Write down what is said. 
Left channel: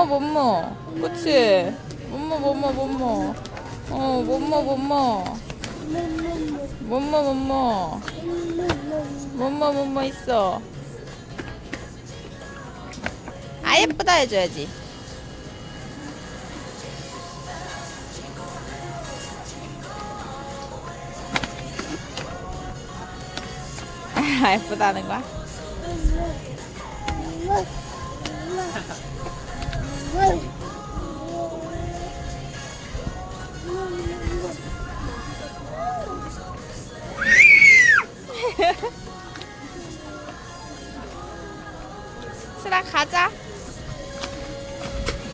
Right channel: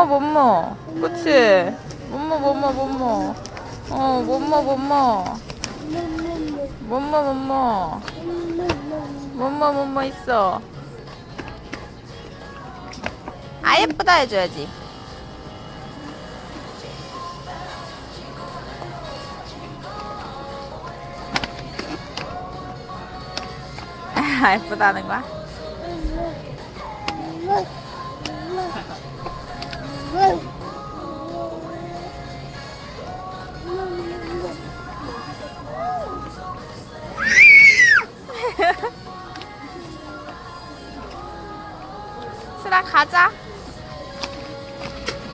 못모 못모. 그치? 못모 못모 못모. 못모 못모. 못모 못모. 못모 못모 있어. 아, 예쁘다 해줘야지. 아, 예쁘다는 거야? 수라 가자.